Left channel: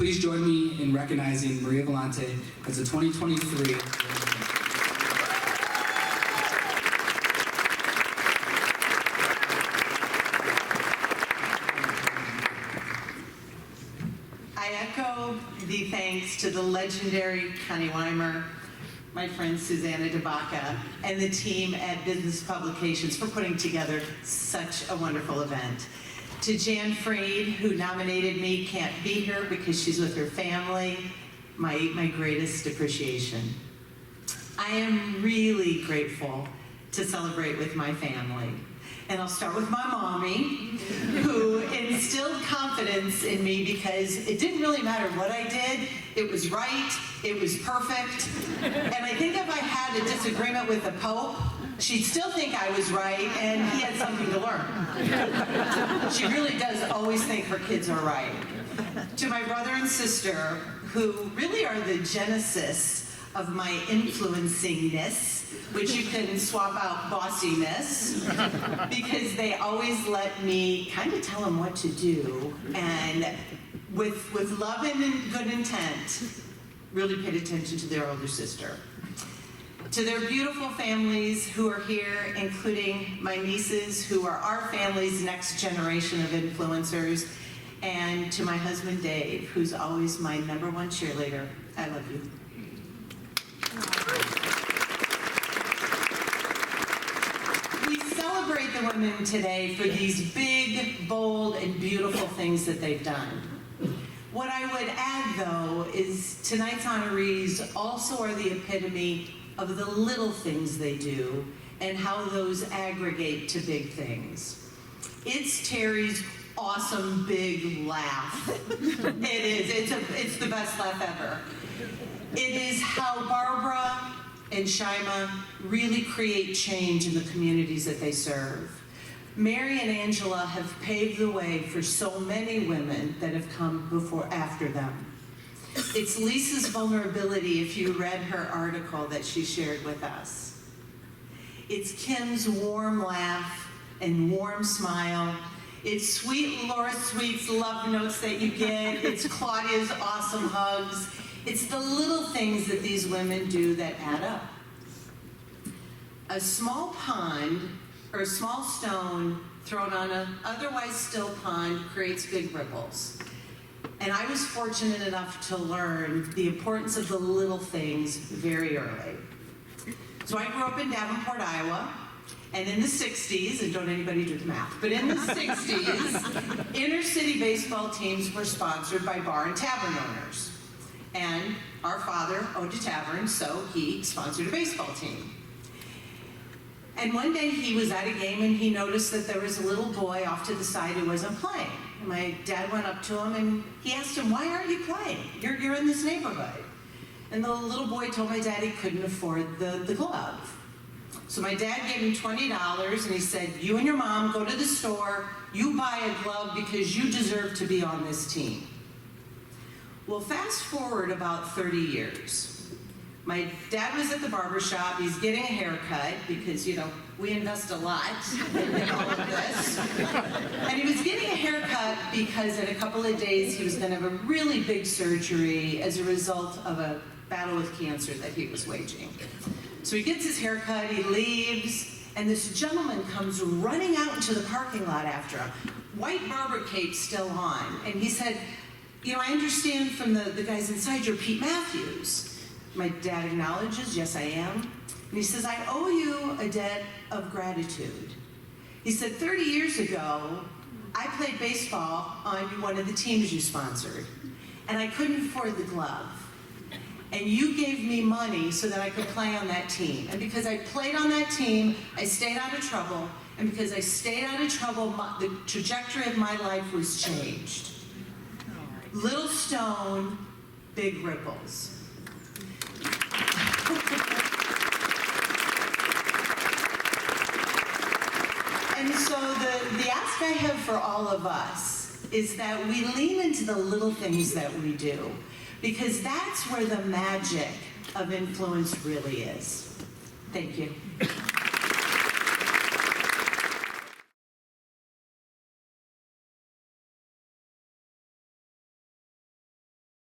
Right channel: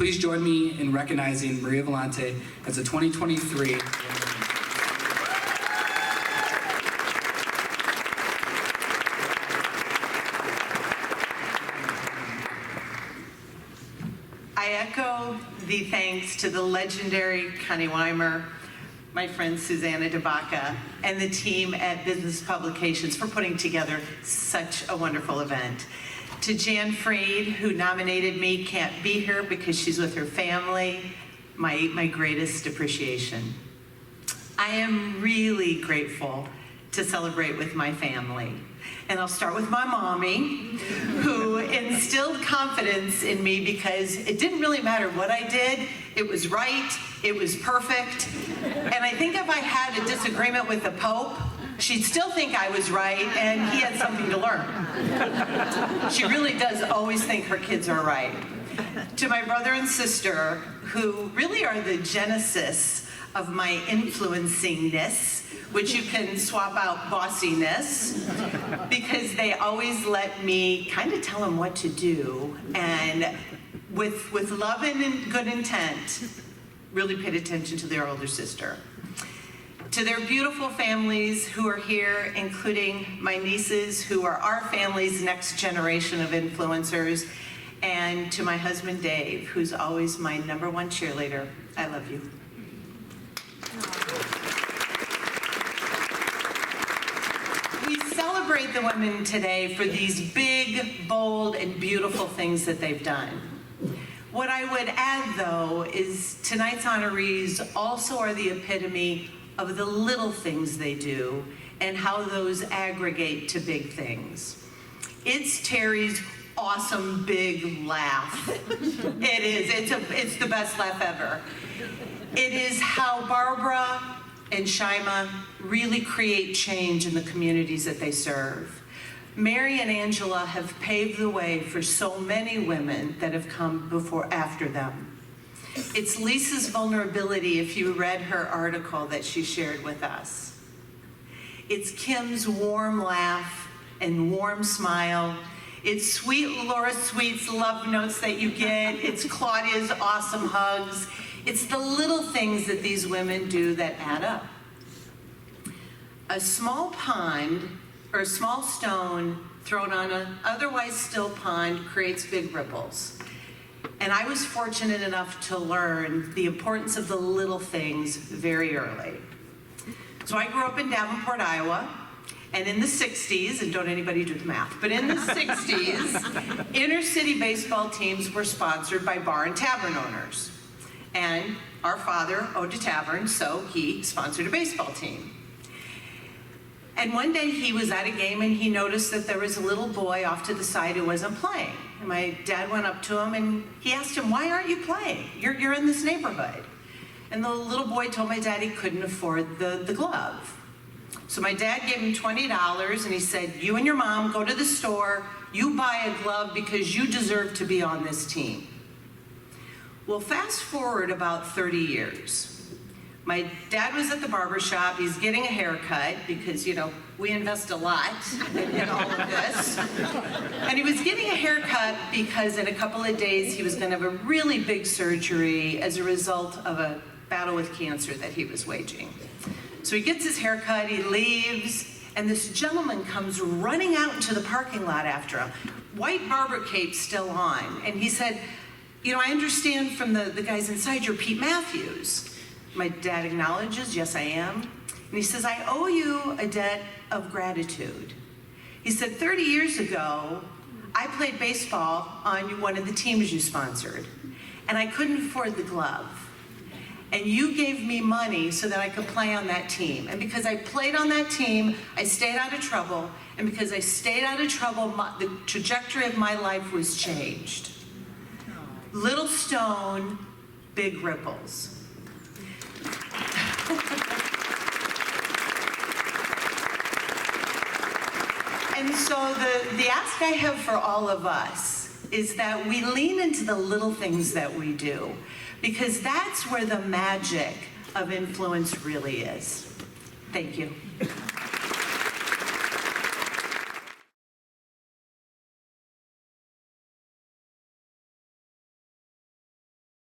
Please join me in recognizing Maria Volante as the 2023 I echo the thanks to the legendary Connie Weimer, my friend Susanna DeBacca, and the team at Business Publications for putting together such a wonderful event. To Jan Freed, who nominated me, can't be here because she's with her family, my greatest appreciation. I am really grateful to celebrate with my family. And I'll start with my mommy, who instilled confidence in me because it didn't really matter what I did. It was right, it was perfect. And I think if I had a disagreement with the Pope, she'd still think I was right and he had something to learn. She really does always think her kids are right. To my brother and sister, who really are the genesis of my influencingness, which you can swap out bossiness, because they always let me kind of tell them what to do, and with love and good intent, really paid attention to their older sister. To their beautiful families who are here, including my nieces, who are our family's next generation of influencers, and to my husband Dave, who's always my #1 cheerleader. I love you. We celebrate the women today for these big, bold, and beautiful things that they've done. What I would add, though, is tonight's honorees also are the epitome of the little things they do and how those aggregate to big things. It's Terry's awesome big laugh. It is. It's the best laugh ever. It is how Barbara and Shaima really create change in the communities that they serve. Mary and Angela have paved the way for so many women that have come after them. It's Lisa's vulnerability, if you read her article that she shared with us. It's Kim's warm laugh and warm smile. It's sweet Laura Sweet's love notes that you get. It's Claudia's awesome hugs. It's the little things that these women do that add up. A small pond or a small stone thrown on an otherwise still pond creates big ripples. And I was fortunate enough to learn the importance of the little things very early. So I grew up in Davenport, Iowa, and in the 60s, and don't anybody do the math, but in the 60s, inner city baseball teams were sponsored by bar and tavern owners. And our father owned a tavern, so he sponsored a baseball team. And one day he was at a game and he noticed that there was a little boy off to the side who wasn't playing. And my dad went up to him and he asked him, "Why aren't you playing? You're in this neighborhood." And the little boy told my dad he couldn't afford the glove. So my dad gave him $20 and he said, "You and your mom go to the store, you buy a glove because you deserve to be on this team." Well, fast forward about 30 years. My dad was at the barber shop. He's getting a haircut because, you know, we invest a lot in all of this. And he was getting a haircut because in a couple of days he was going to have a really big surgery as a result of a battle with cancer that he was waging. So he gets his haircut, he leaves, and this gentleman comes running out into the parking lot after him. White barber cape still on. And he said, "You know, I understand from the guys inside you're Pete Matthews." My dad acknowledges, "Yes, I am." And he says, "I owe you a debt of gratitude." He said, 30 years ago, I played baseball on one of the teams you sponsored, and I couldn't afford the glove. And you gave me money so that I could play on that team. And because I played on that team, I stayed out of trouble. And because I stayed out of trouble, the trajectory of my life was changed. Little stone, big ripples. And so the ask I have for all of us is that we lean into the little things that we do, because that's where the magic of influence really is. Thank you.